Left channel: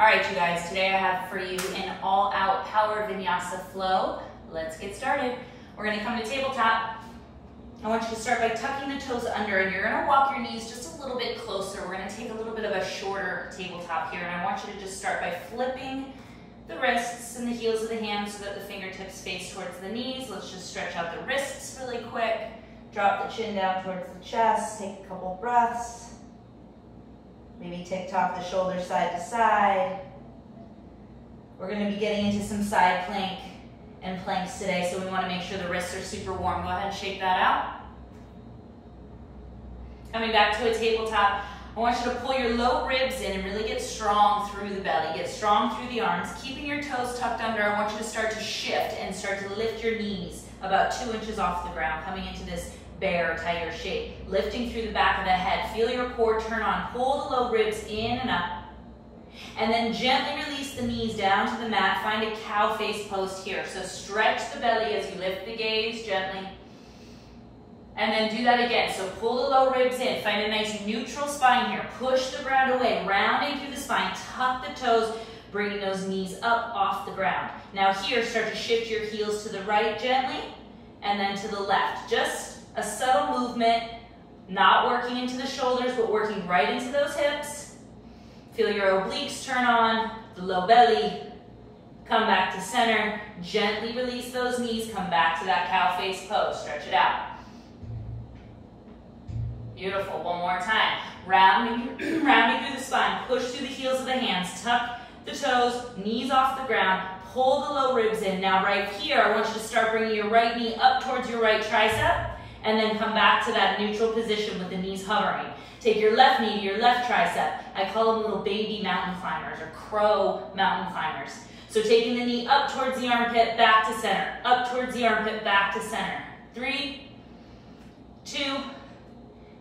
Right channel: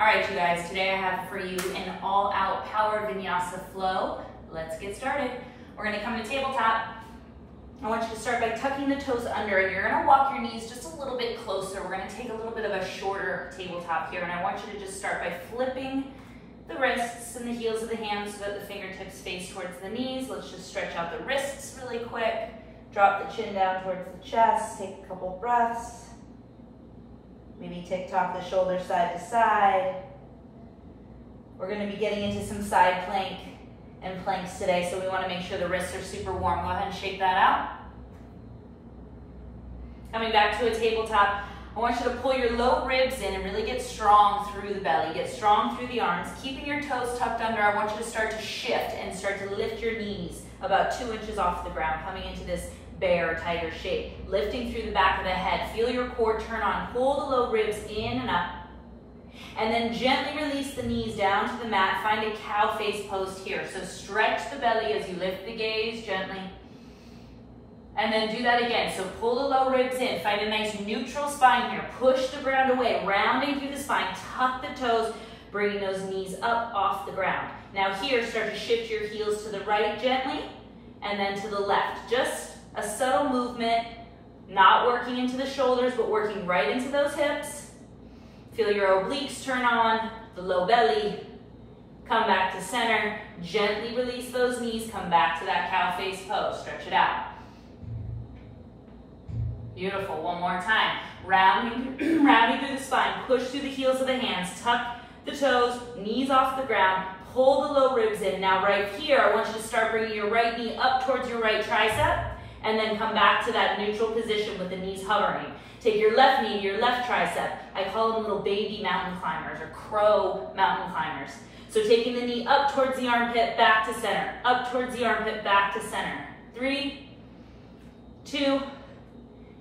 All right, you guys, today I have for you an all-out power vinyasa flow. Let's get started. We're gonna come to tabletop. I want you to start by tucking the toes under, and you're gonna walk your knees just a little bit closer. We're gonna take a little bit of a shorter tabletop here, and I want you to just start by flipping the wrists and the heels of the hands so that the fingertips face towards the knees. Let's just stretch out the wrists really quick. Drop the chin down towards the chest. Take a couple breaths. Maybe tick-tock the shoulders side to side. We're going to be getting into some side plank and planks today, so we want to make sure the wrists are super warm. Go ahead and shake that out. Coming back to a tabletop, I want you to pull your low ribs in and really get strong through the belly. Get strong through the arms. Keeping your toes tucked under, I want you to start to shift and start to lift your knees about 2 inches off the ground, coming into this bear or tiger shape. Lifting through the back of the head. Feel your core turn on. Pull the low ribs in and up. And then gently release the knees down to the mat. Find a cow face pose here. So stretch the belly as you lift the gaze gently. And then do that again. So pull the low ribs in. Find a nice neutral spine here. Push the ground away. Rounding through the spine. Tuck the toes. Bringing those knees up off the ground. Now here, start to shift your heels to the right gently. And then to the left. Just a subtle movement, not working into the shoulders, but working right into those hips. Feel your obliques turn on, the low belly. Come back to center. Gently release those knees. Come back to that cow face pose. Stretch it out. Beautiful. One more time. Rounding through the spine. Push through the heels of the hands. Tuck the toes. Knees off the ground. Pull the low ribs in. Now right here, I want you to start bringing your right knee up towards your right tricep. And then come back to that neutral position with the knees hovering. Take your left knee to your left tricep. I call them little baby mountain climbers or crow mountain climbers. So taking the knee up towards the armpit, back to center. Up towards the armpit, back to center. 3, 2,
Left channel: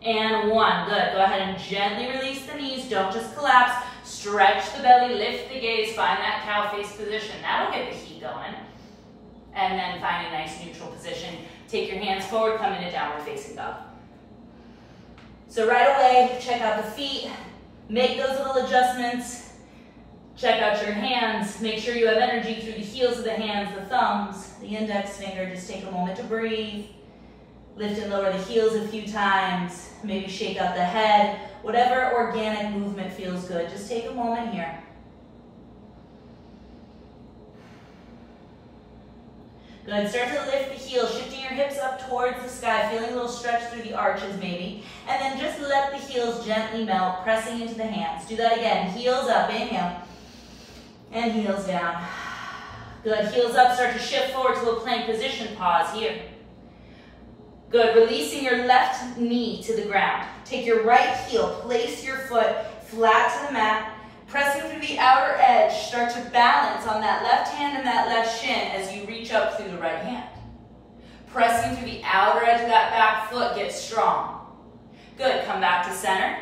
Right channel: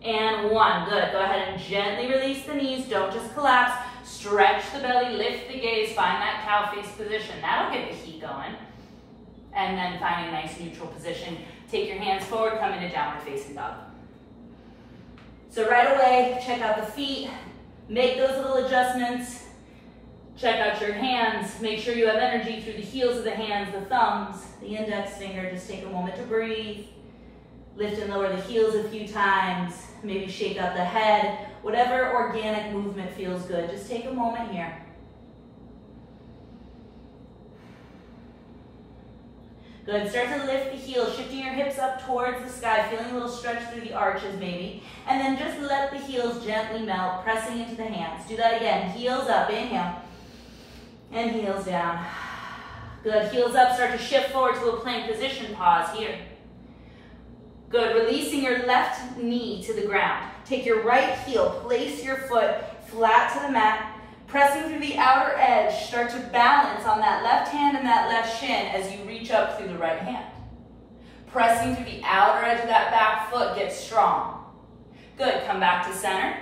and 1. Good. Go ahead and gently release the knees. Don't just collapse. Stretch the belly, lift the gaze, find that cow face position. That'll get the heat going. And then find a nice neutral position. Take your hands forward, come into downward facing dog. So right away, check out the feet. Make those little adjustments. Check out your hands. Make sure you have energy through the heels of the hands, the thumbs, the index finger. Just take a moment to breathe. Lift and lower the heels a few times. Maybe shake out the head. Whatever organic movement feels good. Just take a moment here. Good. Start to lift the heels, shifting your hips up towards the sky, feeling a little stretch through the arches maybe. And then just let the heels gently melt, pressing into the hands. Do that again. Heels up, inhale. And heels down. Good. Heels up, start to shift forward to a plank position. Pause here. Good. Releasing your left knee to the ground. Take your right heel, place your foot flat to the mat. Pressing through the outer edge, start to balance on that left hand and that left shin as you reach up through the right hand. Pressing through the outer edge of that back foot, get strong. Good, come back to center.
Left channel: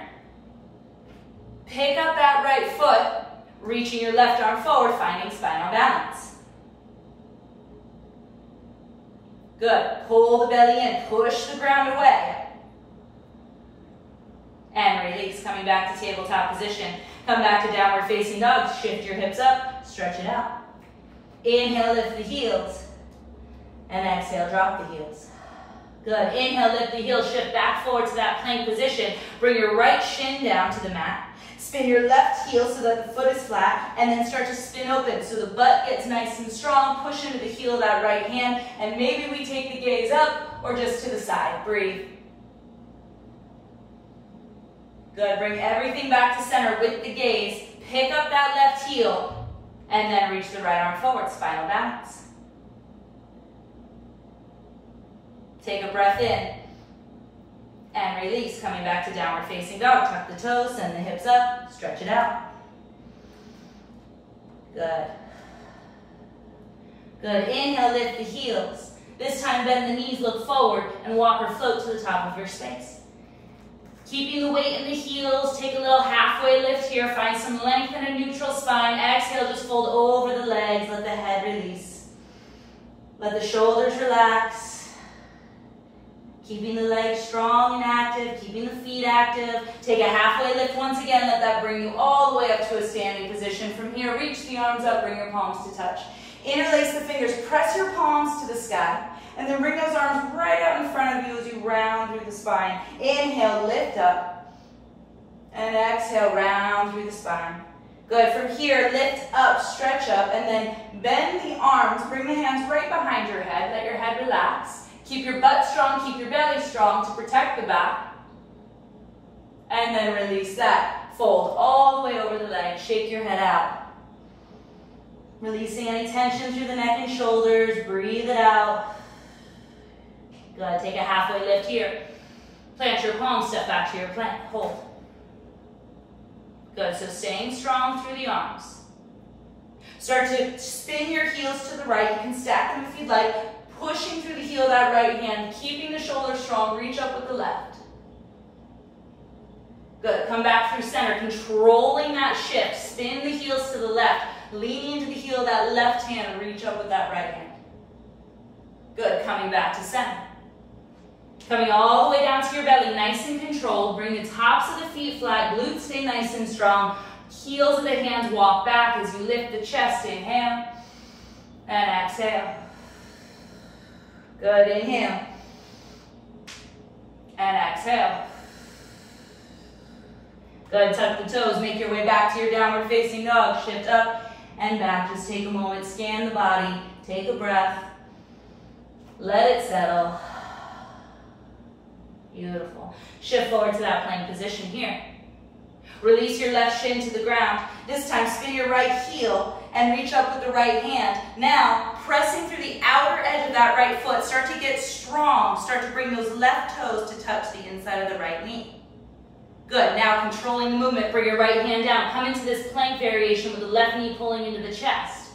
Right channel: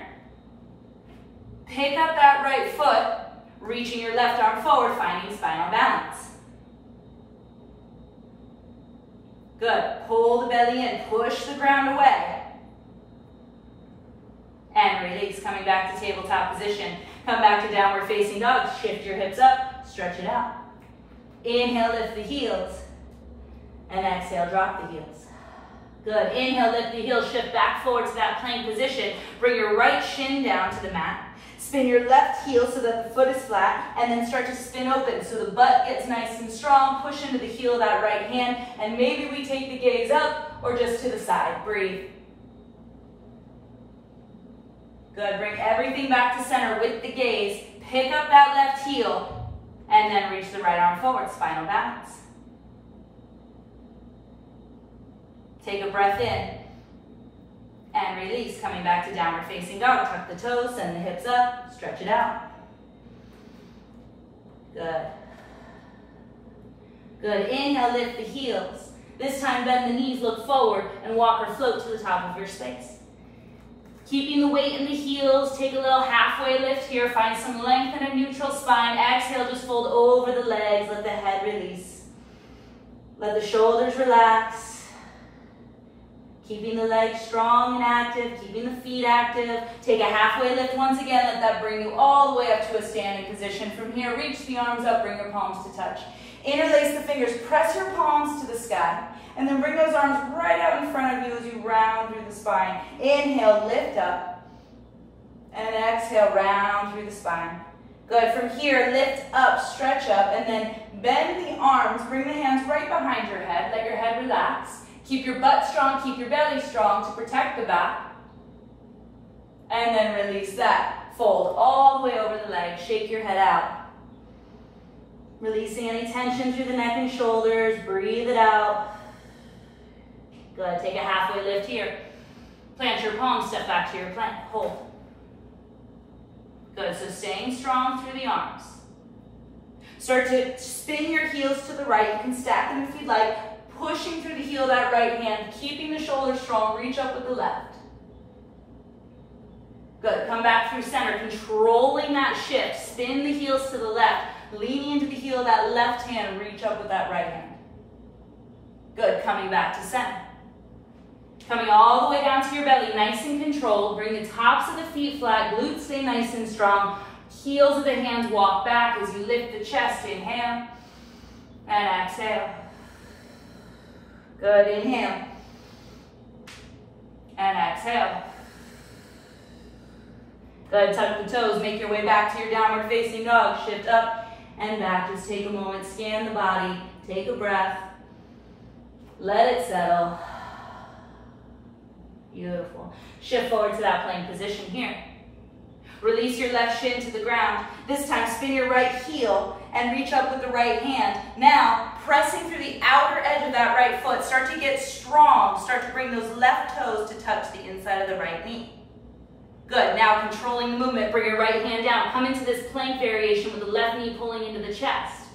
Pick up that right foot, reaching your left arm forward, finding spinal balance. Good, pull the belly in, push the ground away. And release, coming back to tabletop position. Come back to downward facing dog. Shift your hips up, stretch it out. Inhale, lift the heels. And exhale, drop the heels. Good. Inhale, lift the heels, shift back forward to that plank position. Bring your right shin down to the mat. Spin your left heel so that the foot is flat, and then start to spin open so the butt gets nice and strong. Push into the heel of that right hand, and maybe we take the gaze up or just to the side. Breathe. Good, bring everything back to center with the gaze. Pick up that left heel, and then reach the right arm forward, spinal balance. Take a breath in, and release, coming back to downward facing dog. Tuck the toes, send the hips up, stretch it out. Good. Good, inhale, lift the heels. This time bend the knees, look forward, and walk or float to the top of your space. Keeping the weight in the heels, take a little halfway lift here. Find some length in a neutral spine. Exhale, just fold over the legs. Let the head release. Let the shoulders relax. Keeping the legs strong and active, keeping the feet active. Take a halfway lift once again. Let that bring you all the way up to a standing position. From here, reach the arms up, bring your palms to touch. Interlace the fingers, press your palms to the sky. And then bring those arms right out in front of you as you round through the spine. Inhale, lift up. And exhale, round through the spine. Good. From here, lift up, stretch up, and then bend the arms. Bring the hands right behind your head. Let your head relax. Keep your butt strong, keep your belly strong to protect the back. And then release that. Fold all the way over the legs. Shake your head out. Releasing any tension through the neck and shoulders. Breathe it out. Good. Take a halfway lift here. Plant your palms, step back to your plank. Hold. Good. So staying strong through the arms. Start to spin your heels to the right. You can stack them if you'd like. Pushing through the heel of that right hand, keeping the shoulders strong, reach up with the left. Good, come back through center, controlling that shift. Spin the heels to the left, leaning into the heel of that left hand, reach up with that right hand. Good, coming back to center. Coming all the way down to your belly, nice and controlled. Bring the tops of the feet flat, glutes stay nice and strong. Heels of the hands walk back as you lift the chest. Inhale and exhale. Good, inhale, and exhale. Good, tuck the toes, make your way back to your downward facing dog. Shift up and back, just take a moment, scan the body, take a breath, let it settle. Beautiful. Shift forward to that plank position here. Release your left shin to the ground. This time, spin your right heel and reach up with the right hand. Now, pressing through the outer edge of that right foot, start to get strong. Start to bring those left toes to touch the inside of the right knee. Good. Now, controlling the movement, bring your right hand down. Come into this plank variation with the left knee pulling into the chest.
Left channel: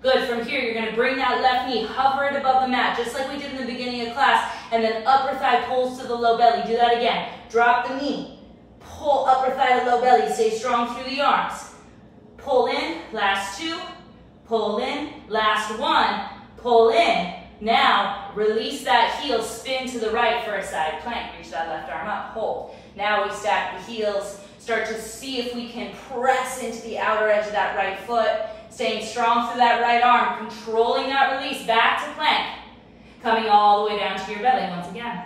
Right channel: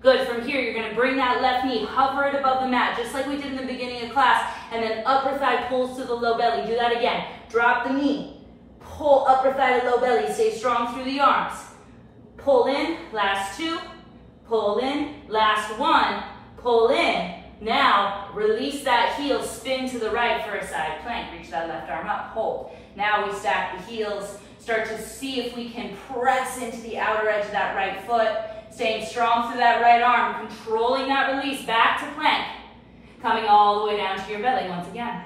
Good. From here, you're going to bring that left knee, hover it above the mat, just like we did in the beginning of class, and then upper thigh pulls to the low belly. Do that again. Drop the knee. Pull upper thigh to low belly. Stay strong through the arms. Pull in, last two. Pull in, last one. Pull in. Now, release that heel, spin to the right for a side plank. Reach that left arm up, hold. Now we stack the heels. Start to see if we can press into the outer edge of that right foot. Staying strong through that right arm, controlling that release, back to plank. Coming all the way down to your belly once again.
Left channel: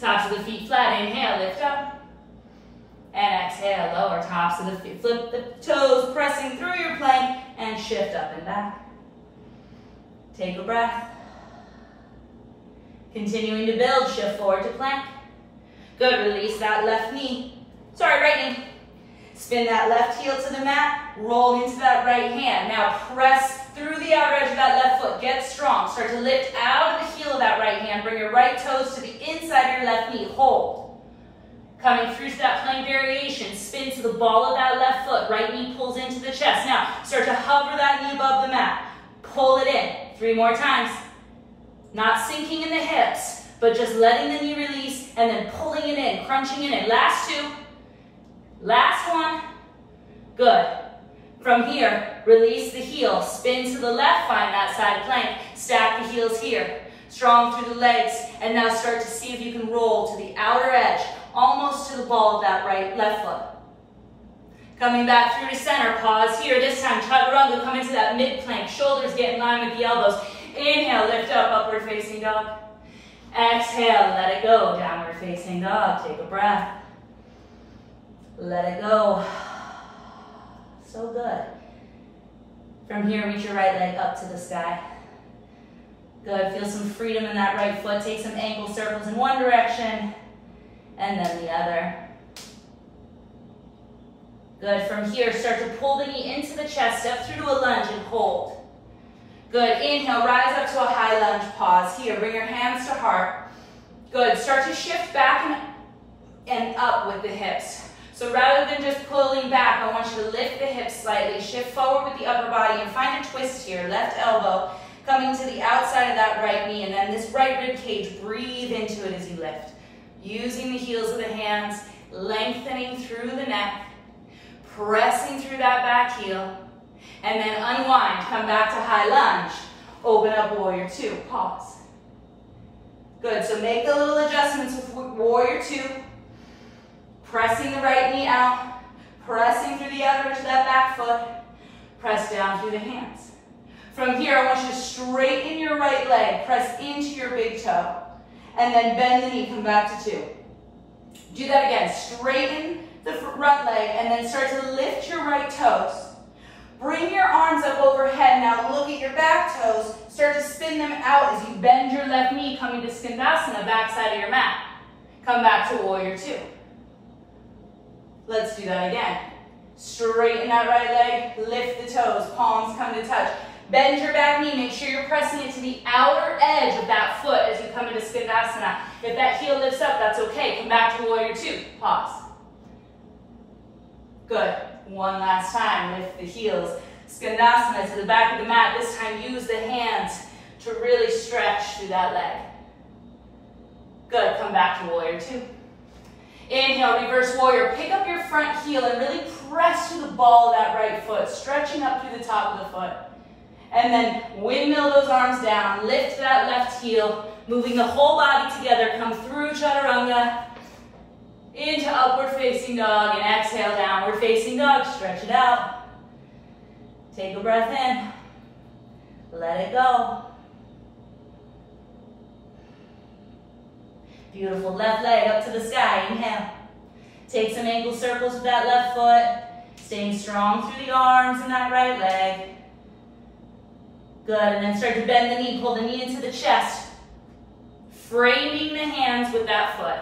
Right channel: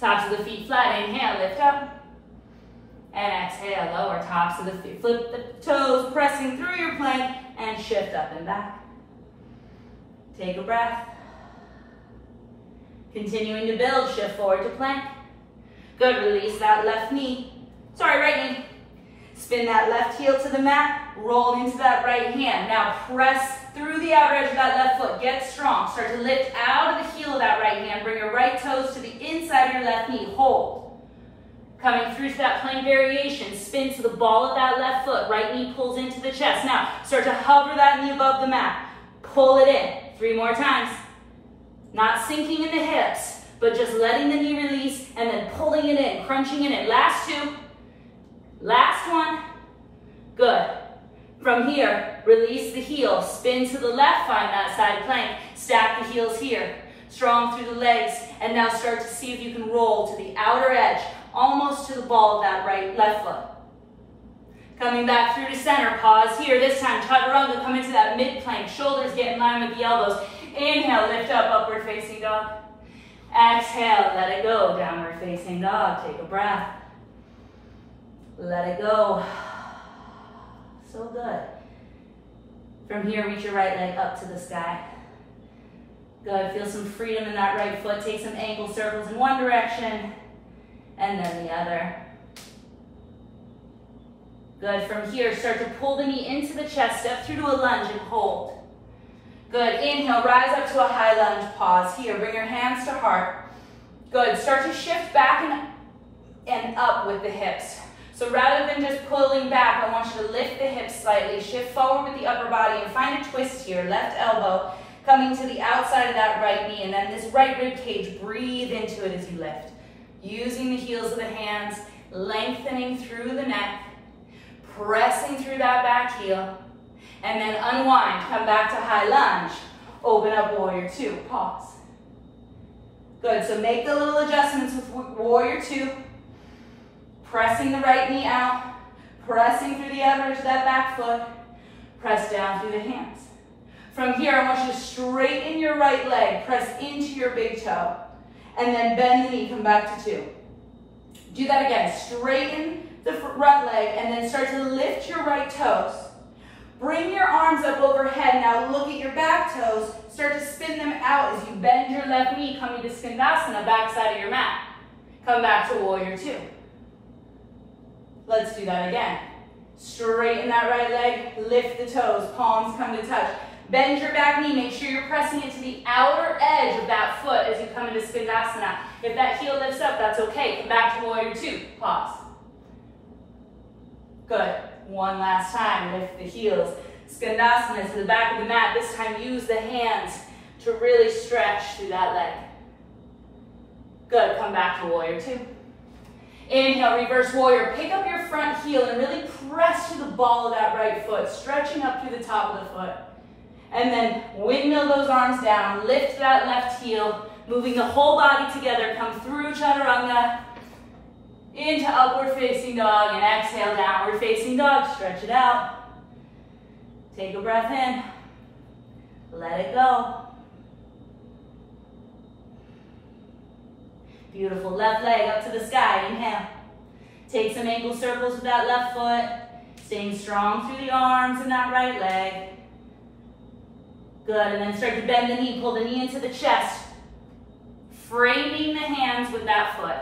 Tops of the feet flat, inhale, lift up. And exhale, lower tops of the feet. Flip the toes, pressing through your plank, and shift up and back. Take a breath. Continuing to build, shift forward to plank. Good, release that left knee. Sorry, right knee. Spin that left heel to the mat, roll into that right hand. Now press through the outer edge of that left foot. Get strong. Start to lift out of the heel of that right hand. Bring your right toes to the inside of your left knee. Hold. Coming through to that plank variation, spin to the ball of that left foot. Right knee pulls into the chest. Now, start to hover that knee above the mat. Pull it in. 3 more times. Not sinking in the hips, but just letting the knee release and then pulling it in, crunching it in. Last 2. Last 1. Good. From here, release the heel. Spin to the left, find that side plank. Stack the heels here. Strong through the legs. And now start to see if you can roll to the outer edge, almost to the ball of that left foot. Coming back through to center, pause here. This time, chaturanga, come into that mid-plank. Shoulders get in line with the elbows. Inhale, lift up, upward facing dog. Exhale, let it go, downward facing dog. Take a breath. Let it go. So good. From here, reach your right leg up to the sky. Good, feel some freedom in that right foot. Take some ankle circles in one direction, and then the other. Good, from here, start to pull the knee into the chest, step through to a lunge and hold. Good, inhale, rise up to a high lunge, pause here, bring your hands to heart. Good, start to shift back and up with the hips. So rather than just pulling back, I want you to lift the hips slightly, shift forward with the upper body and find a twist here, left elbow coming to the outside of that right knee, and then this right rib cage, breathe into it as you lift. Using the heels of the hands, lengthening through the neck, pressing through that back heel, and then unwind, come back to high lunge, open up warrior 2, pause. Good, so make the little adjustments with warrior two. Pressing the right knee out, pressing through the outer edge of that back foot, press down through the hands. From here, I want you to straighten your right leg, press into your big toe, and then bend the knee, come back to two. Do that again, straighten the front leg, and then start to lift your right toes. Bring your arms up overhead, now look at your back toes, start to spin them out as you bend your left knee, coming to Skandasana, back side of your mat. Come back to warrior two. Let's do that again. Straighten that right leg, lift the toes, palms come to touch. Bend your back knee, make sure you're pressing it to the outer edge of that foot as you come into Skandasana. If that heel lifts up, that's okay. Come back to warrior two, pause. Good, one last time, lift the heels. Skandasana to the back of the mat. This time use the hands to really stretch through that leg. Good, come back to warrior two. Inhale, reverse warrior. Pick up your front heel and really press to the ball of that right foot, stretching up through the top of the foot. And then windmill those arms down, lift that left heel, moving the whole body together. Come through chaturanga, into upward facing dog, and exhale, downward facing dog. Stretch it out. Take a breath in. Let it go. Beautiful, left leg up to the sky, inhale. Take some ankle circles with that left foot, staying strong through the arms and that right leg. Good, and then start to bend the knee, pull the knee into the chest, framing the hands with that foot.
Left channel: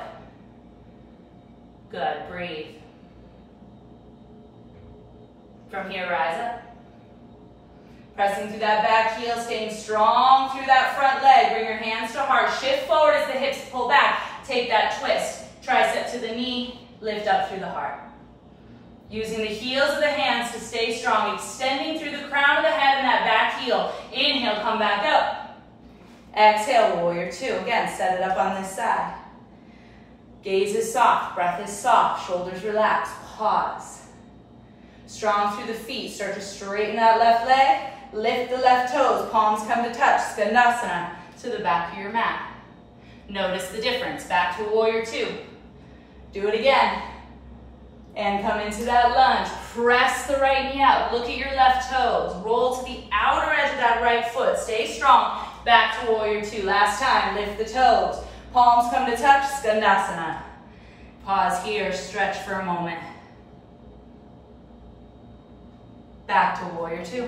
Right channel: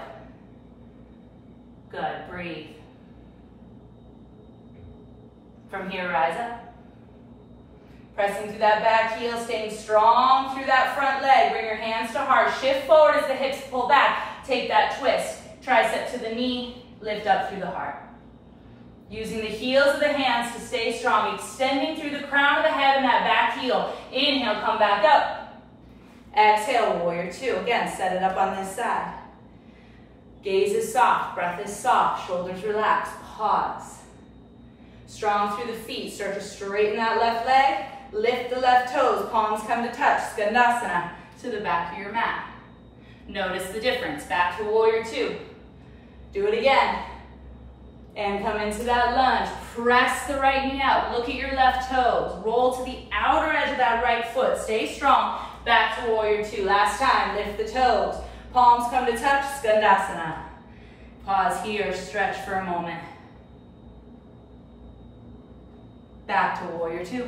Good, breathe. From here, rise up. Pressing through that back heel, staying strong through that front leg. Bring your hands to heart. Shift forward as the hips pull back. Take that twist. Tricep to the knee. Lift up through the heart. Using the heels of the hands to stay strong. Extending through the crown of the head and that back heel. Inhale, come back up. Exhale, warrior two. Again, set it up on this side. Gaze is soft. Breath is soft. Shoulders relax. Pause. Strong through the feet. Start to straighten that left leg. Lift the left toes, palms come to touch, Skandasana to the back of your mat. Notice the difference, back to warrior two. Do it again. And come into that lunge. Press the right knee out, look at your left toes. Roll to the outer edge of that right foot, stay strong. Back to warrior two, last time, lift the toes. Palms come to touch, Skandasana. Pause here, stretch for a moment. Back to warrior two.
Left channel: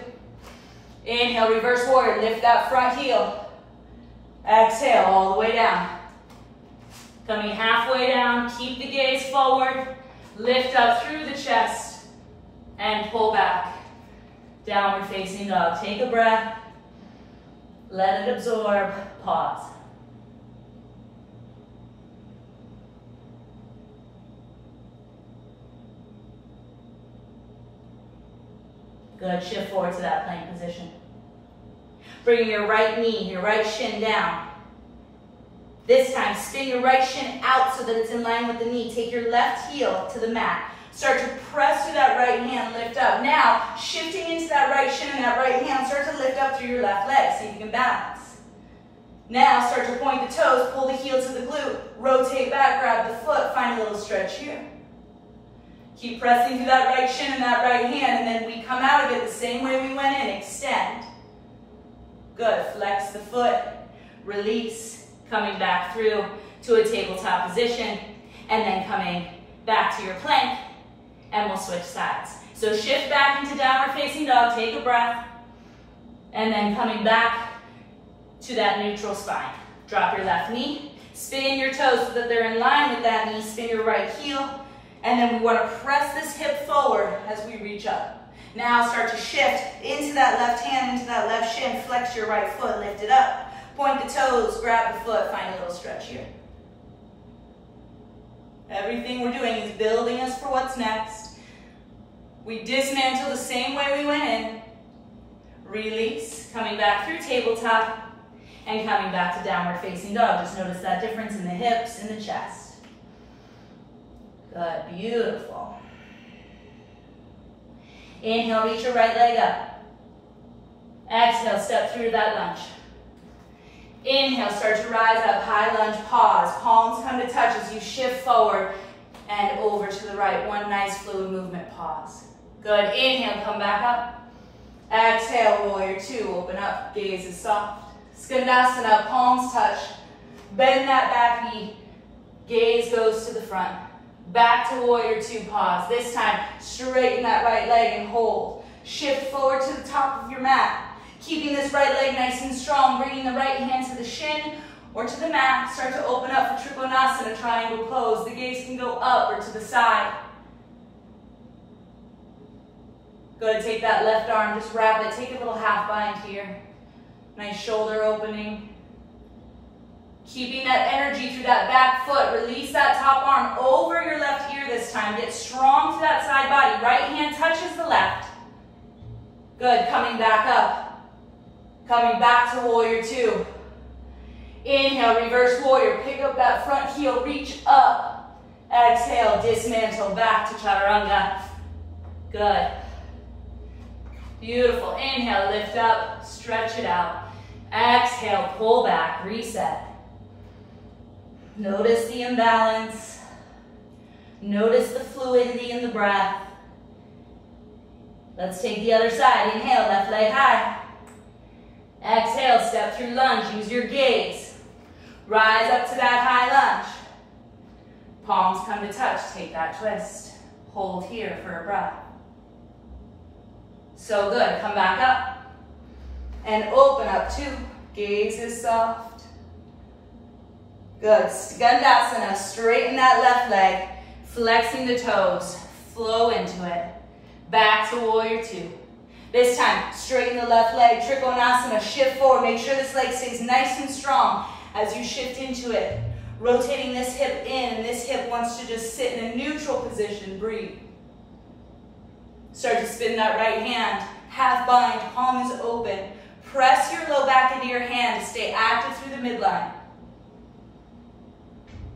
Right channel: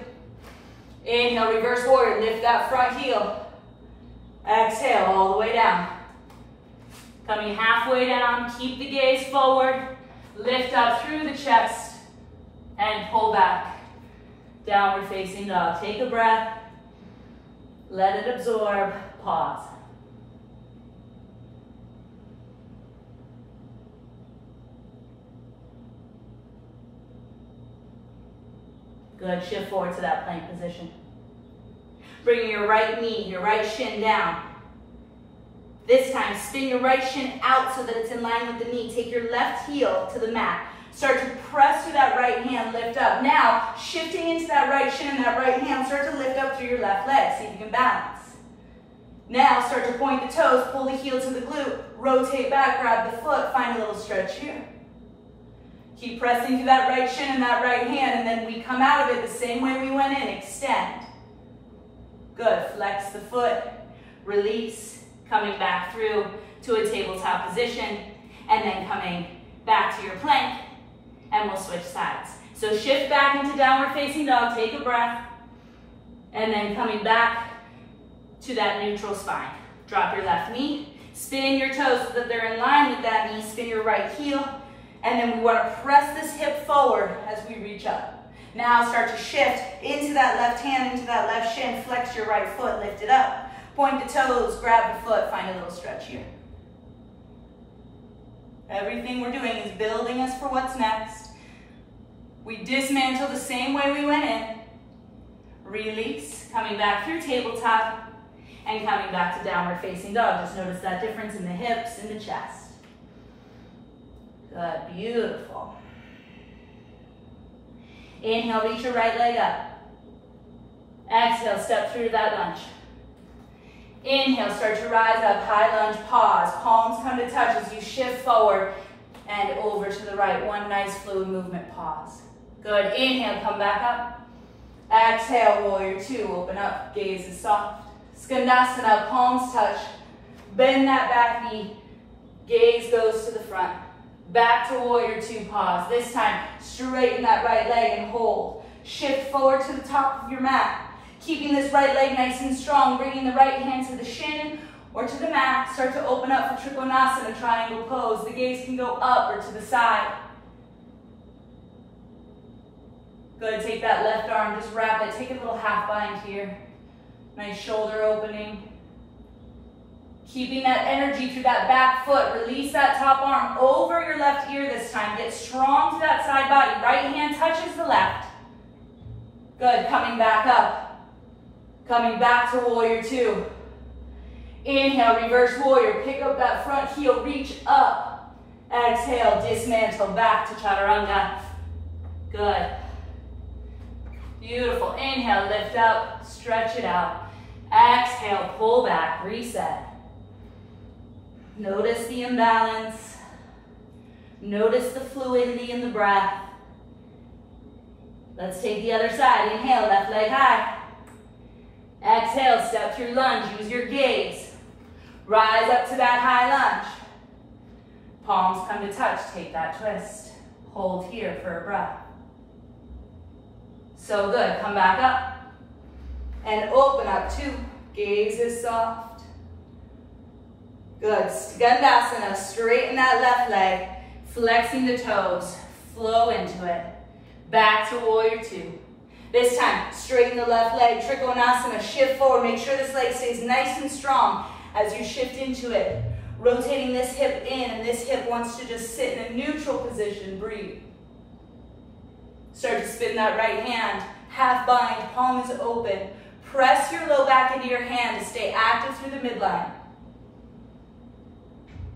Inhale, reverse warrior, lift that front heel. Exhale, all the way down. Coming halfway down, keep the gaze forward. Lift up through the chest and pull back. Downward facing dog. Take a breath. Let it absorb. Pause. Good, shift forward to that plank position. Bring your right knee, your right shin down. This time, spin your right shin out so that it's in line with the knee. Take your left heel to the mat. Start to press through that right hand, lift up. Now, shifting into that right shin and that right hand, start to lift up through your left leg, see if you can balance. Now, start to point the toes, pull the heel to the glute, rotate back, grab the foot, find a little stretch here. Keep pressing through that right shin and that right hand, and then we come out of it the same way we went in, extend. Good, flex the foot, release, coming back through to a tabletop position, and then coming back to your plank, and we'll switch sides. So shift back into downward facing dog, take a breath, and then coming back to that neutral spine. Drop your left knee, spin your toes so that they're in line with that knee, spin your right heel, and then we want to press this hip forward as we reach up. Now start to shift into that left hand, into that left shin, flex your right foot, lift it up. Point the toes, grab the foot, find a little stretch here. Everything we're doing is building us for what's next. We dismantle the same way we went in. Release, coming back through tabletop, and coming back to downward facing dog. Just notice that difference in the hips and the chest. Good, beautiful. Inhale, reach your right leg up. Exhale, step through that lunge. Inhale, start to rise up, high lunge, pause. Palms come to touch as you shift forward and over to the right. One nice fluid movement, pause. Good, inhale, come back up. Exhale, warrior two, open up, gaze is soft. Skandasana, palms touch. Bend that back knee, gaze goes to the front. Back to warrior two, pause. This time, straighten that right leg and hold. Shift forward to the top of your mat. Keeping this right leg nice and strong, bringing the right hand to the shin or to the mat. Start to open up for Trikonasana, triangle pose. The gaze can go up or to the side. Good, take that left arm, just wrap it. Take a little half bind here. Nice shoulder opening. Keeping that energy through that back foot. Release that top arm over your left ear this time. Get strong to that side body. Right hand touches the left. Good, coming back up. Coming back to warrior two. Inhale, reverse warrior. Pick up that front heel, reach up. Exhale, dismantle, back to chaturanga. Good. Beautiful. Inhale, lift up, stretch it out. Exhale, pull back, reset. Notice the imbalance. Notice the fluidity in the breath. Let's take the other side. Inhale, left leg high. Exhale, step through lunge. Use your gaze. Rise up to that high lunge. Palms come to touch. Take that twist. Hold here for a breath. So good. Come back up. And open up two. Gaze is soft. Good. Skandasana. Straighten that left leg. Flexing the toes. Flow into it. Back to warrior two. This time, straighten the left leg, Trikonasana, shift forward. Make sure this leg stays nice and strong as you shift into it. Rotating this hip in, and this hip wants to just sit in a neutral position. Breathe. Start to spin that right hand. Half bind, palm is open. Press your low back into your hand to stay active through the midline.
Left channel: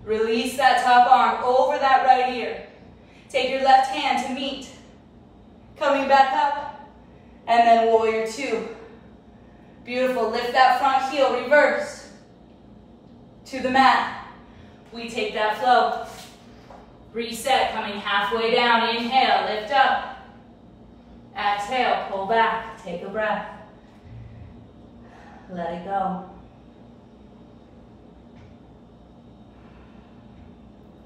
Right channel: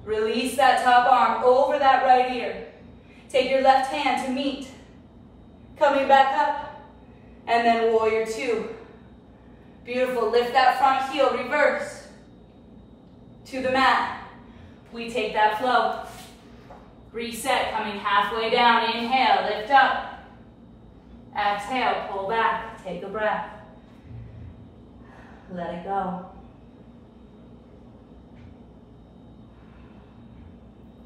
Release that top arm over that right ear. Take your left hand to meet. Coming back up. And then warrior two. Beautiful. Lift that front heel, reverse to the mat. We take that flow. Reset, coming halfway down. Inhale, lift up. Exhale, pull back. Take a breath. Let it go.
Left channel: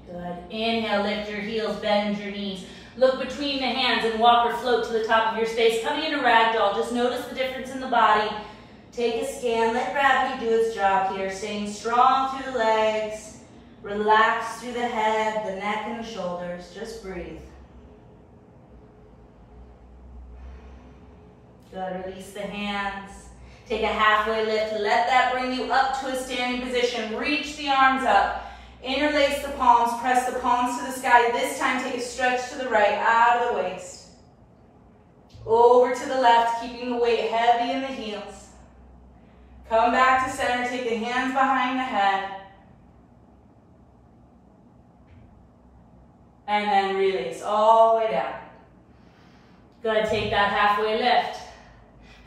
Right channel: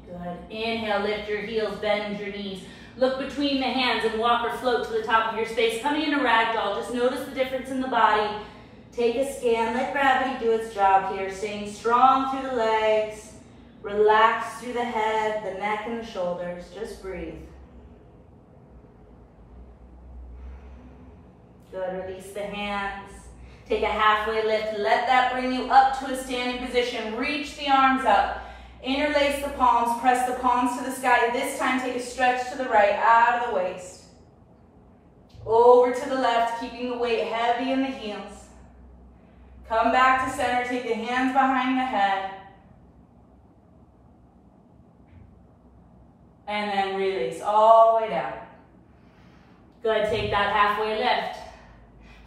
Good. Inhale, lift your heels, bend your knees. Look between the hands and walk or float to the top of your space. Coming into ragdoll, just notice the difference in the body. Take a scan, let gravity do its job here. Staying strong through the legs. Relax through the head, the neck, and the shoulders. Just breathe. Good, release the hands. Take a halfway lift. Let that bring you up to a standing position. Reach the arms up. Interlace the palms, press the palms to the sky. This time, take a stretch to the right, out of the waist. Over to the left, keeping the weight heavy in the heels. Come back to center, take the hands behind the head. And then release all the way down. Good, take that halfway lift.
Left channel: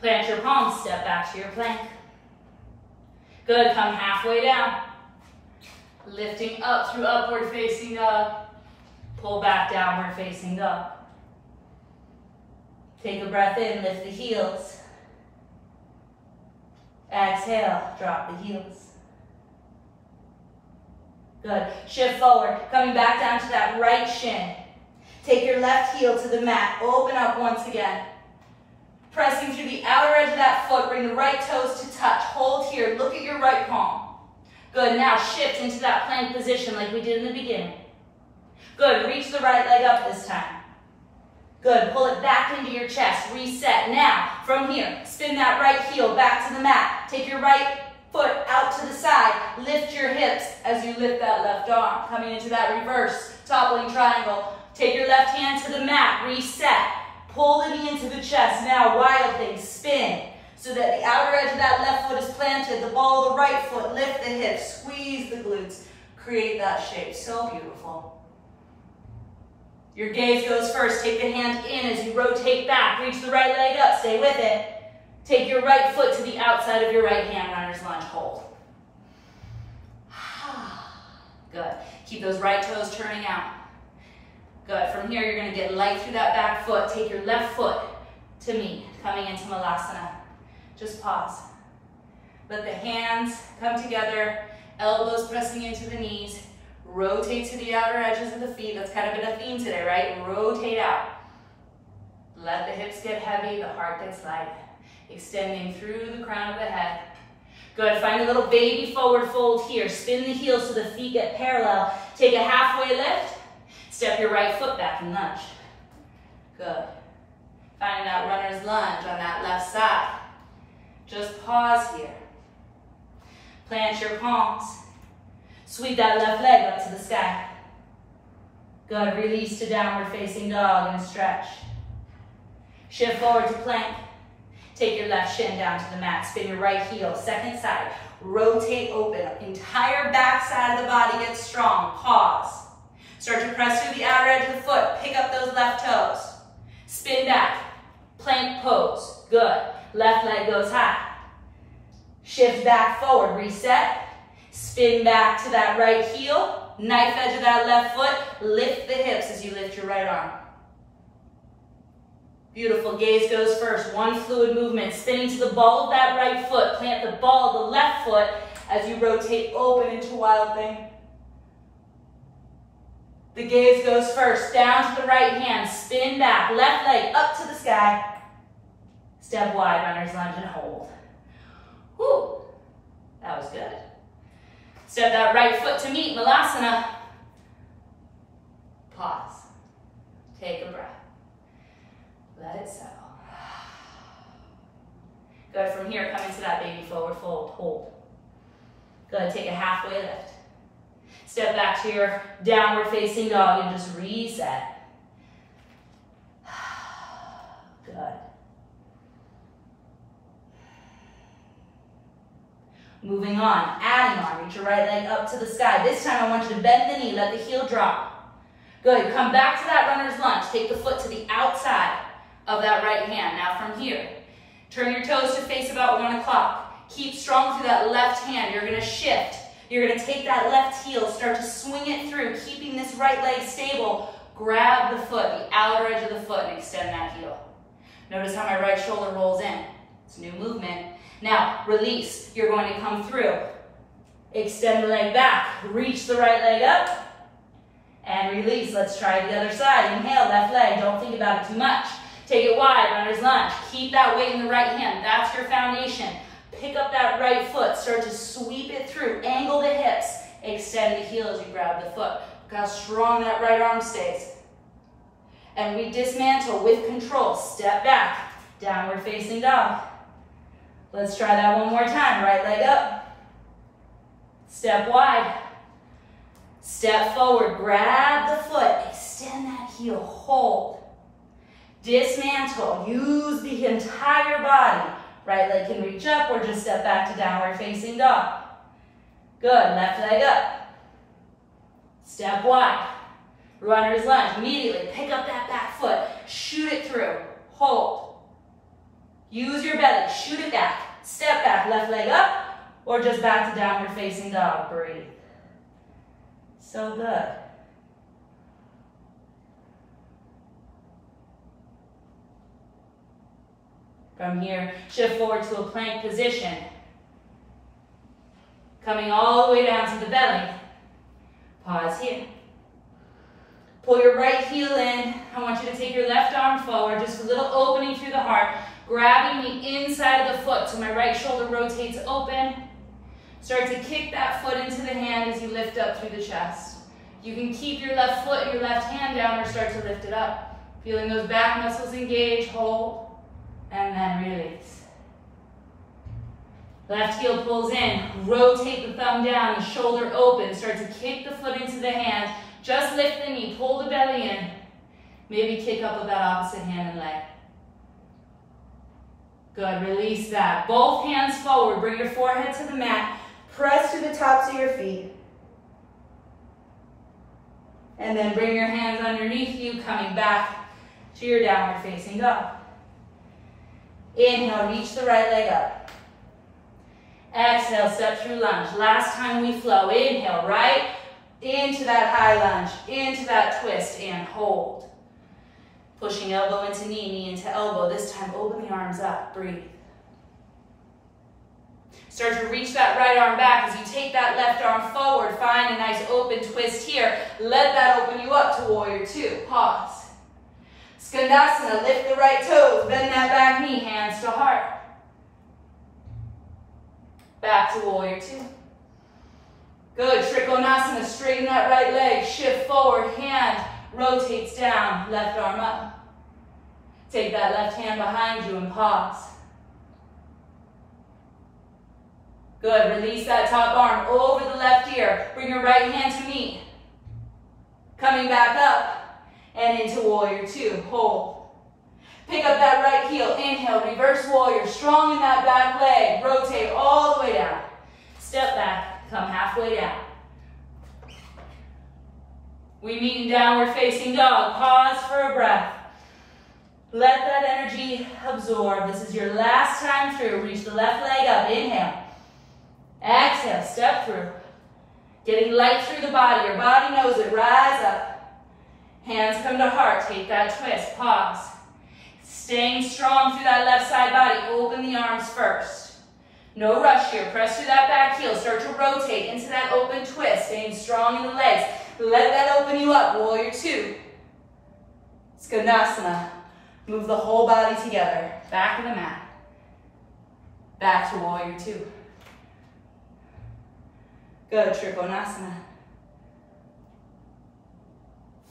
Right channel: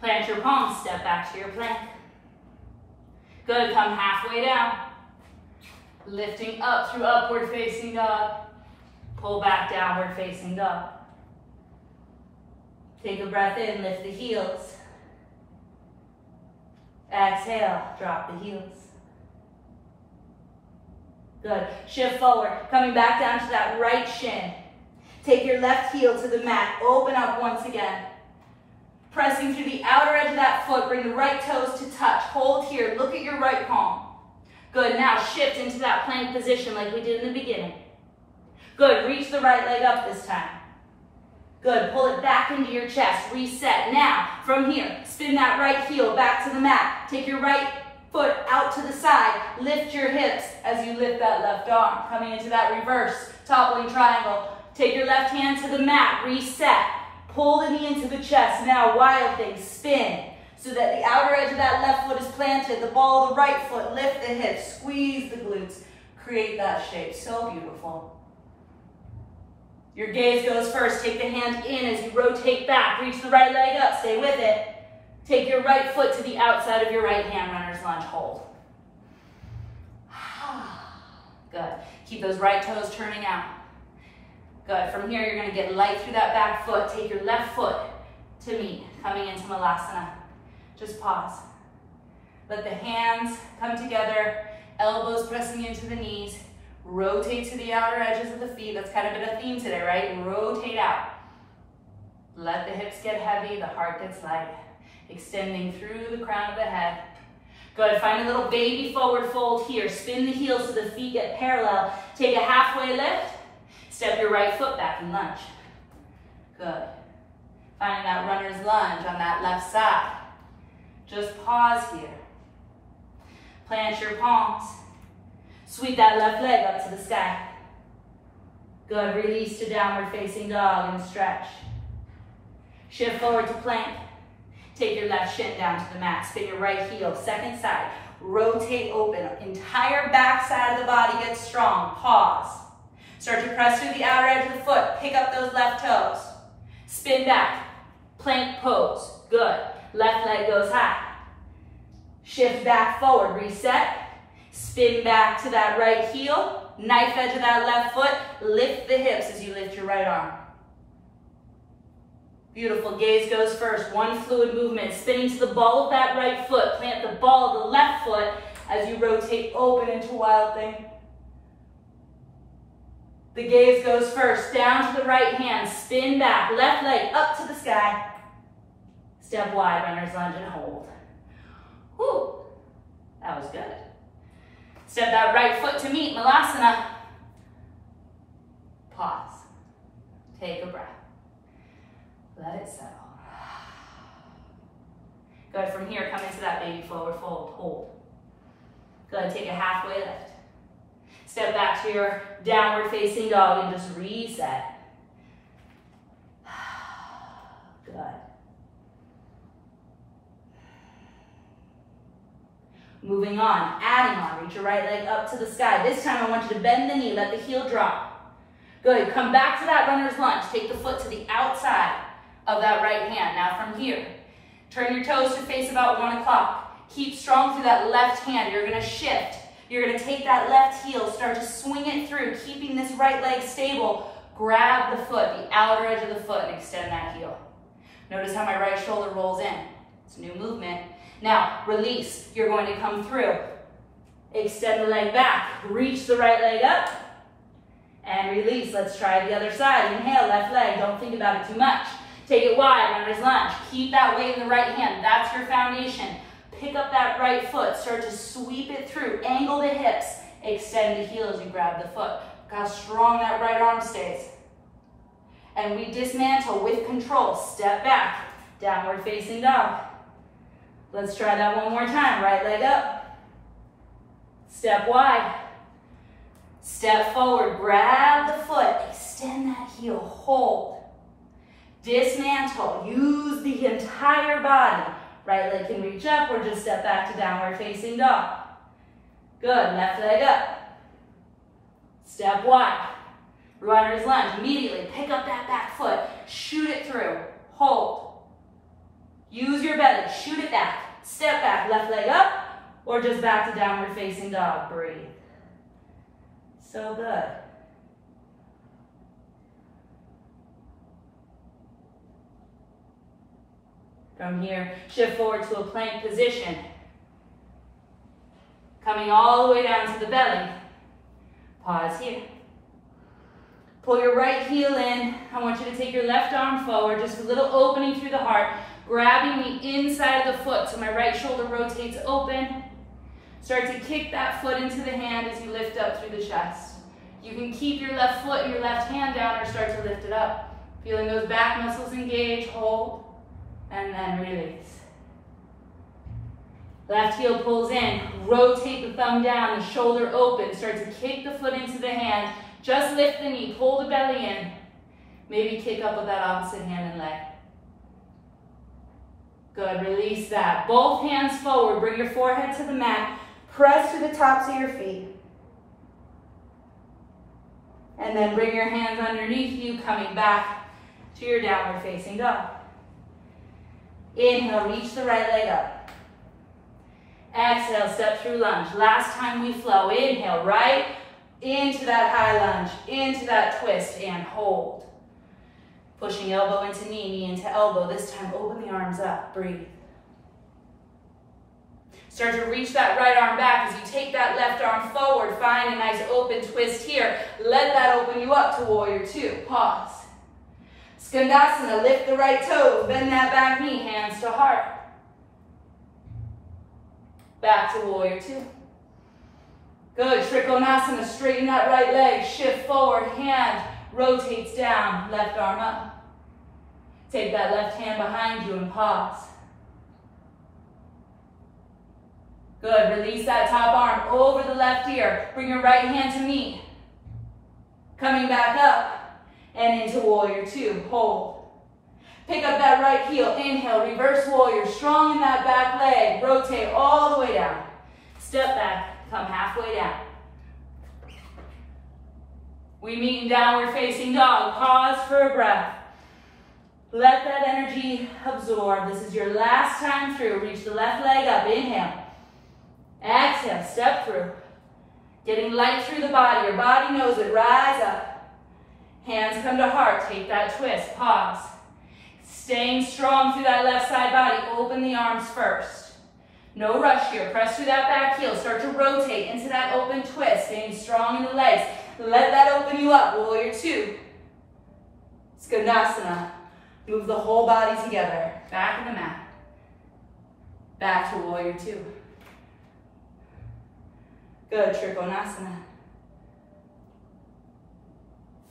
Plant your palms, step back to your plank. Good, come halfway down. Lifting up through upward facing dog. Pull back, downward facing dog. Take a breath in, lift the heels. Exhale, drop the heels. Good. Shift forward, coming back down to that right shin. Take your left heel to the mat. Open up once again. Pressing through the outer edge of that foot. Bring the right toes to touch. Hold here. Look at your right palm. Good. Now shift into that plank position like we did in the beginning. Good. Reach the right leg up this time. Good. Pull it back into your chest. Reset. Now, from here, spin that right heel back to the mat. Take your right foot out to the side. Lift your hips as you lift that left arm. Coming into that reverse toppling triangle. Take your left hand to the mat. Reset. Pull the knee into the chest. Now, wild thing. Spin so that the outer edge of that left foot is planted. The ball of the right foot. Lift the hips. Squeeze the glutes. Create that shape. So beautiful. Your gaze goes first. Take the hand in as you rotate back. Reach the right leg up. Stay with it. Take your right foot to the outside of your right hand, runner's lunge. Hold. Keep those right toes turning out. Good. From here, you're going to get light through that back foot. Take your left foot to meet, coming into Malasana. Just pause. Let the hands come together, elbows pressing into the knees. Rotate to the outer edges of the feet. That's kind of been a theme today, right? Rotate out. Let the hips get heavy, the heart gets light. Extending through the crown of the head. Good, find a little baby forward fold here. Spin the heels so the feet get parallel. Take a halfway lift. Step your right foot back and lunge. Good. Finding that runner's lunge on that left side. Just pause here. Plant your palms. Sweep that left leg up to the sky. Good, release to downward facing dog and stretch. Shift forward to plank. Take your left shin down to the mat. Spin your right heel, second side. Rotate open. Entire back side of the body gets strong. Pause. Start to press through the outer edge of the foot. Pick up those left toes. Spin back. Plank pose. Good. Left leg goes high. Shift back forward. Reset. Spin back to that right heel. Knife edge of that left foot. Lift the hips as you lift your right arm. Beautiful. Gaze goes first. One fluid movement. Spinning to the ball of that right foot. Plant the ball of the left foot as you rotate open into Wild Thing. The gaze goes first. Down to the right hand. Spin back. Left leg up to the sky. Step wide. Runner's lunge and hold. Whew. That was good. Step that right foot to meet. Malasana. Pause. Take a breath. Let it settle. Good. From here, come into that baby forward fold. Hold. Good. Take a halfway lift. Step back to your downward facing dog and just reset. Good. Moving on, adding on. Reach your right leg up to the sky. This time I want you to bend the knee, let the heel drop. Good. Come back to that runner's lunge. Take the foot to the outside of that right hand. Now from here, turn your toes to face about 1 o'clock. Keep strong through that left hand. You're going to shift. You're going to take that left heel, start to swing it through, keeping this right leg stable. Grab the foot, the outer edge of the foot, and extend that heel. Notice how my right shoulder rolls in. It's a new movement. Now, release. You're going to come through. Extend the leg back. Reach the right leg up. And release. Let's try the other side. Inhale, left leg. Don't think about it too much. Take it wide, runner's lunge. Keep that weight in the right hand. That's your foundation. Pick up that right foot. Start to sweep it through. Angle the hips. Extend the heel as you grab the foot. Look how strong that right arm stays. And we dismantle with control. Step back. Downward facing dog. Let's try that one more time. Right leg up. Step wide. Step forward. Grab the foot. Extend that heel. Hold. Dismantle. Use the entire body. Right leg can reach up or just step back to downward facing dog. Good. Left leg up. Step wide. Runner's lunge. Immediately pick up that back foot. Shoot it through. Hold. Use your belly. Shoot it back. Step back. Left leg up or just back to downward facing dog. Breathe. So good. From here, shift forward to a plank position. Coming all the way down to the belly. Pause here. Pull your right heel in. I want you to take your left arm forward, just a little opening through the heart, grabbing the inside of the foot so my right shoulder rotates open. Start to kick that foot into the hand as you lift up through the chest. You can keep your left foot, your left hand down, or start to lift it up. Feeling those back muscles engage, hold. And then release. Left heel pulls in. Rotate the thumb down, the shoulder open. Start to kick the foot into the hand. Just lift the knee. Pull the belly in. Maybe kick up with that opposite hand and leg. Good. Release that. Both hands forward. Bring your forehead to the mat. Press to the tops of your feet. And then bring your hands underneath you, coming back to your downward facing dog. Inhale, reach the right leg up. Exhale, step through lunge. Last time we flow. Inhale, right, into that high lunge, into that twist, and hold. Pushing elbow into knee, knee into elbow. This time, open the arms up, breathe. Start to reach that right arm back as you take that left arm forward. Find a nice open twist here. Let that open you up to warrior two. Pause. Skandasana, lift the right toes, bend that back knee, hands to heart. Back to warrior two. Good, Trikonasana, straighten that right leg, shift forward, hand rotates down, left arm up. Take that left hand behind you and pause. Good, release that top arm over the left ear. Bring your right hand to meet. Coming back up and into warrior two, hold. Pick up that right heel, inhale, reverse warrior, strong in that back leg, rotate all the way down. Step back, come halfway down. We meet in downward facing dog. Pause for a breath. Let that energy absorb. This is your last time through. Reach the left leg up, inhale. Exhale, step through. Getting light through the body. Your body knows it. Rise up. Hands come to heart. Take that twist. Pause. Staying strong through that left side body. Open the arms first. No rush here. Press through that back heel. Start to rotate into that open twist. Staying strong in the legs. Let that open you up. Warrior two. Skandasana. Move the whole body together. Back in the mat. Back to warrior two. Good, Trikonasana.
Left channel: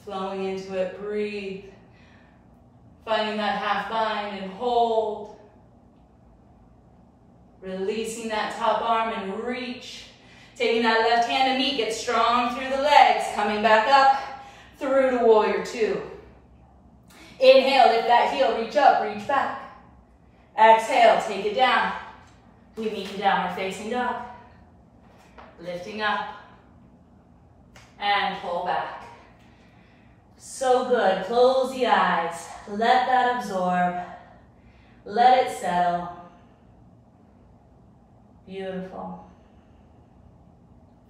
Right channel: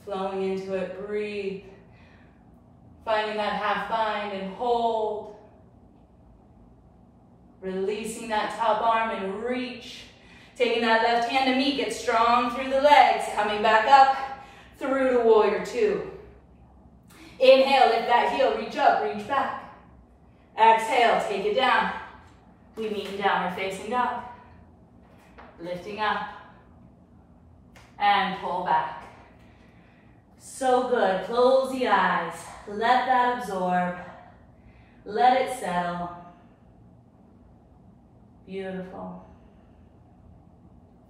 Flowing into it, breathe. Finding that half bind and hold. Releasing that top arm and reach. Taking that left hand to meet, get strong through the legs. Coming back up through to warrior two. Inhale, lift that heel, reach up, reach back. Exhale, take it down. We meet in downward facing dog. Lifting up and pull back. So good. Close the eyes. Let that absorb. Let it settle. Beautiful.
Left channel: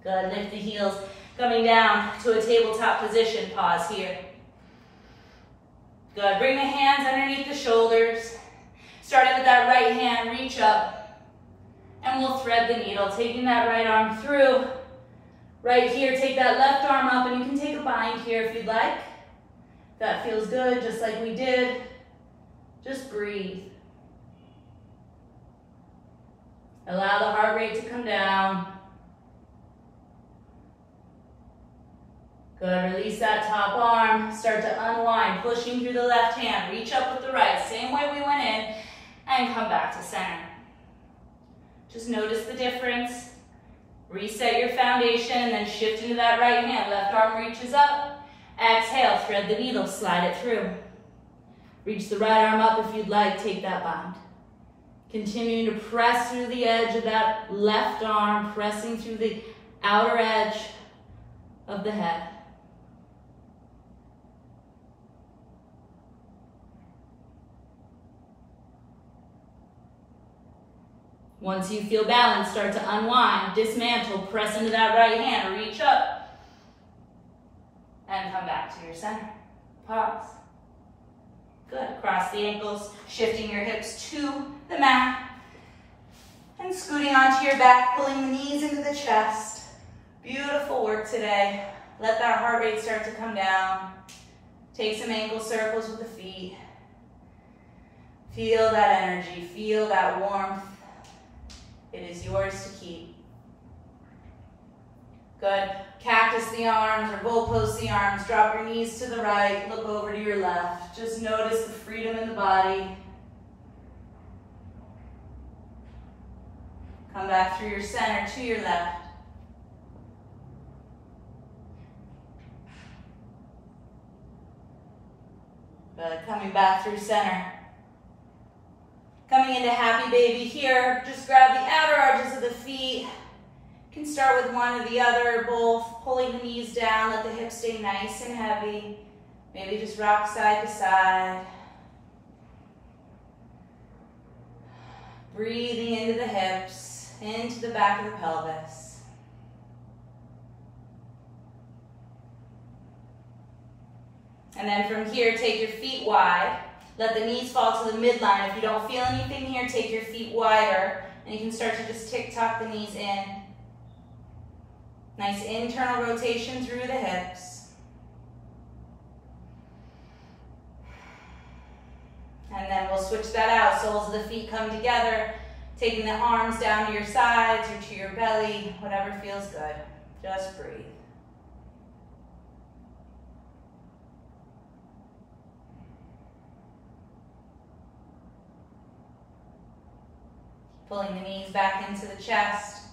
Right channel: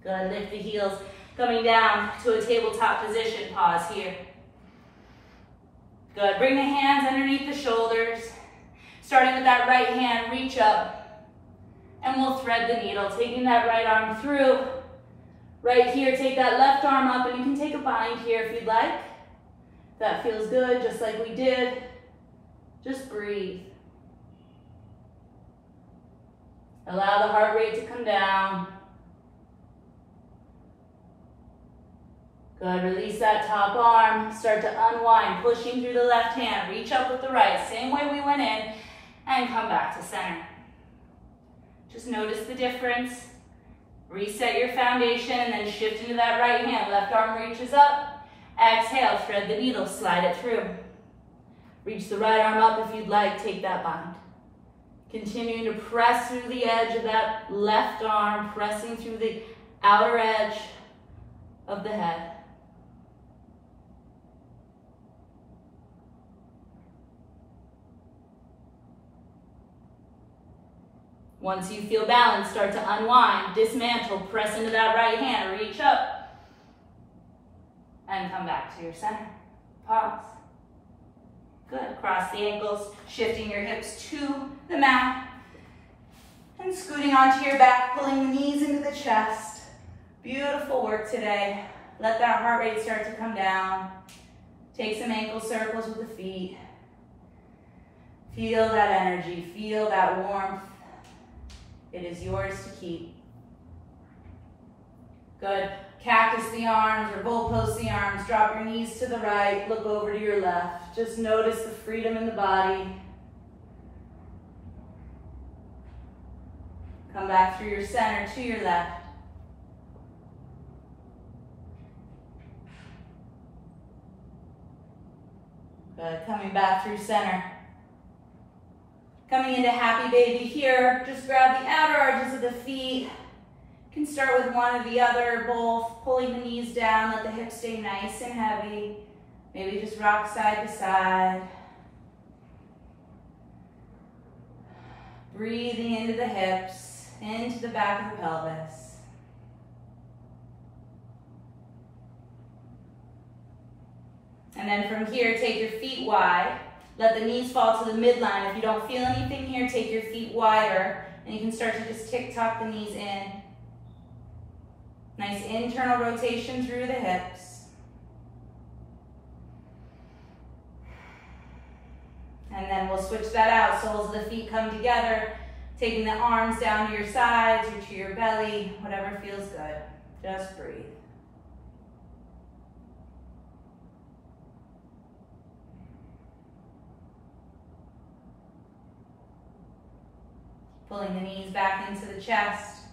Good. Lift the heels. Coming down to a tabletop position. Pause here. Good. Bring the hands underneath the shoulders. Starting with that right hand, reach up. And we'll thread the needle, taking that right arm through. Right here, take that left arm up, and you can take a bind here if you'd like. That feels good, just like we did. Just breathe. Allow the heart rate to come down. Good, release that top arm. Start to unwind, pushing through the left hand. Reach up with the right, same way we went in, and come back to center. Just notice the difference. Reset your foundation and then shift into that right hand. Left arm reaches up. Exhale, thread the needle, slide it through. Reach the right arm up if you'd like, take that bind. Continuing to press through the edge of that left arm, pressing through the outer edge of the head. Once you feel balanced, start to unwind, dismantle, press into that right hand, reach up, and come back to your center. Pause. Good. Cross the ankles, shifting your hips to the mat, and scooting onto your back, pulling the knees into the chest. Beautiful work today. Let that heart rate start to come down. Take some ankle circles with the feet. Feel that energy, feel that warmth. It is yours to keep. Good. Cactus the arms or bullpost the arms. Drop your knees to the right. Look over to your left. Just notice the freedom in the body. Come back through your center to your left. Good. Coming back through center. Coming into happy baby here, just grab the outer arches of the feet. You can start with one or the other, both pulling the knees down, let the hips stay nice and heavy. Maybe just rock side to side. Breathing into the hips, into the back of the pelvis. And then from here, take your feet wide. Let the knees fall to the midline. If you don't feel anything here, take your feet wider. And you can start to just tick-tock the knees in. Nice internal rotation through the hips. And then we'll switch that out. Soles of the feet come together, taking the arms down to your sides or to your belly, whatever feels good. Just breathe. Pulling the knees back into the chest.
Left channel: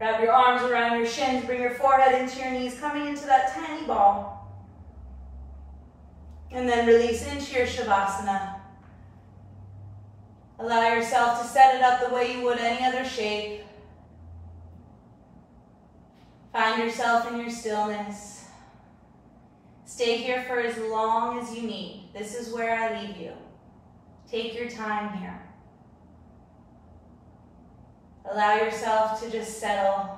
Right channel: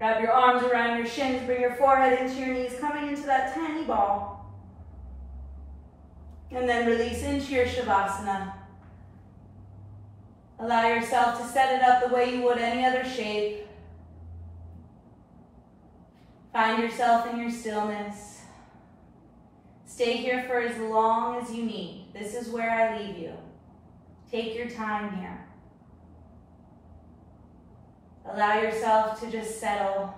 Wrap your arms around your shins, bring your forehead into your knees, coming into that tiny ball. And then release into your Savasana. Allow yourself to set it up the way you would any other shape. Find yourself in your stillness. Stay here for as long as you need. This is where I leave you. Take your time here. Allow yourself to just settle.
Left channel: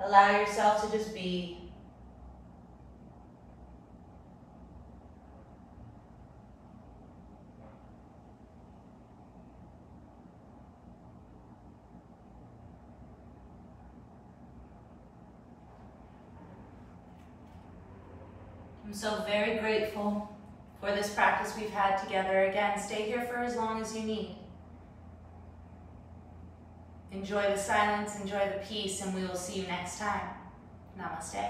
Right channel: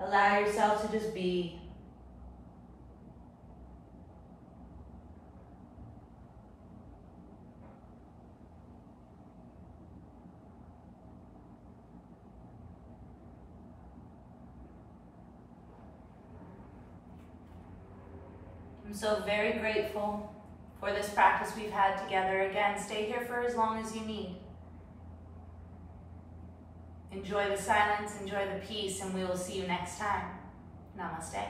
Allow yourself to just be. I'm so very grateful for this practice we've had together. Again, stay here for as long as you need. Enjoy the silence, enjoy the peace, and we will see you next time. Namaste.